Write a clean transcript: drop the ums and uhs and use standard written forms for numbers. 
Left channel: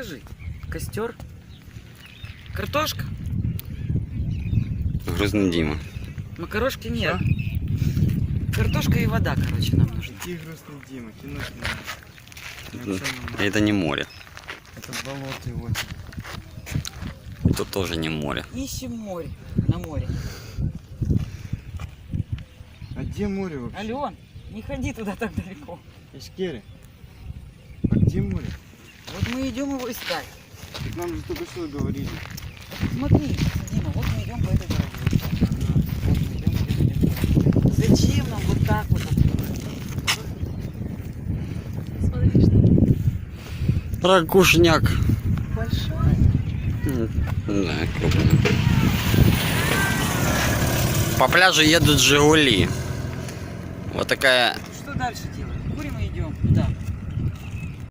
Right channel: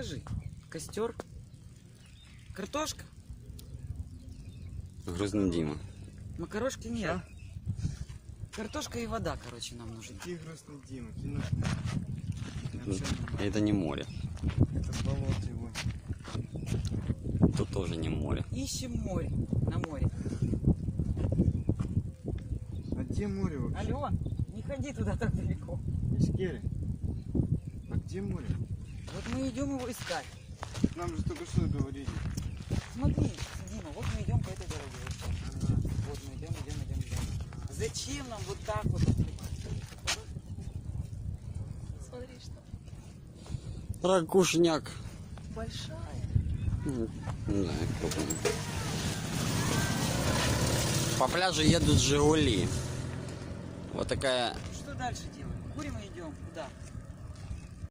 Скажи, костер, картошка, Грузный Дима. макарошки нет. Картошка и вода, короче, нам нужна. Какие грустные Дима, кинуть Это не море. это болото его. Это тоже не море. Ищем море, на море. А где море вообще? Ален, не ходи туда так далеко. Ишкеры. А где море? Вот мы идем его искать. Так нам же только что говорили. Смотри, Дима, вот мы идем по этой дороге. Вот мы идем. Зачем нам вот так вот? Смотри, что Ракушняк. большая. Да, крупный. По пляжу едут Жигули. Вот такая Что дальше делать?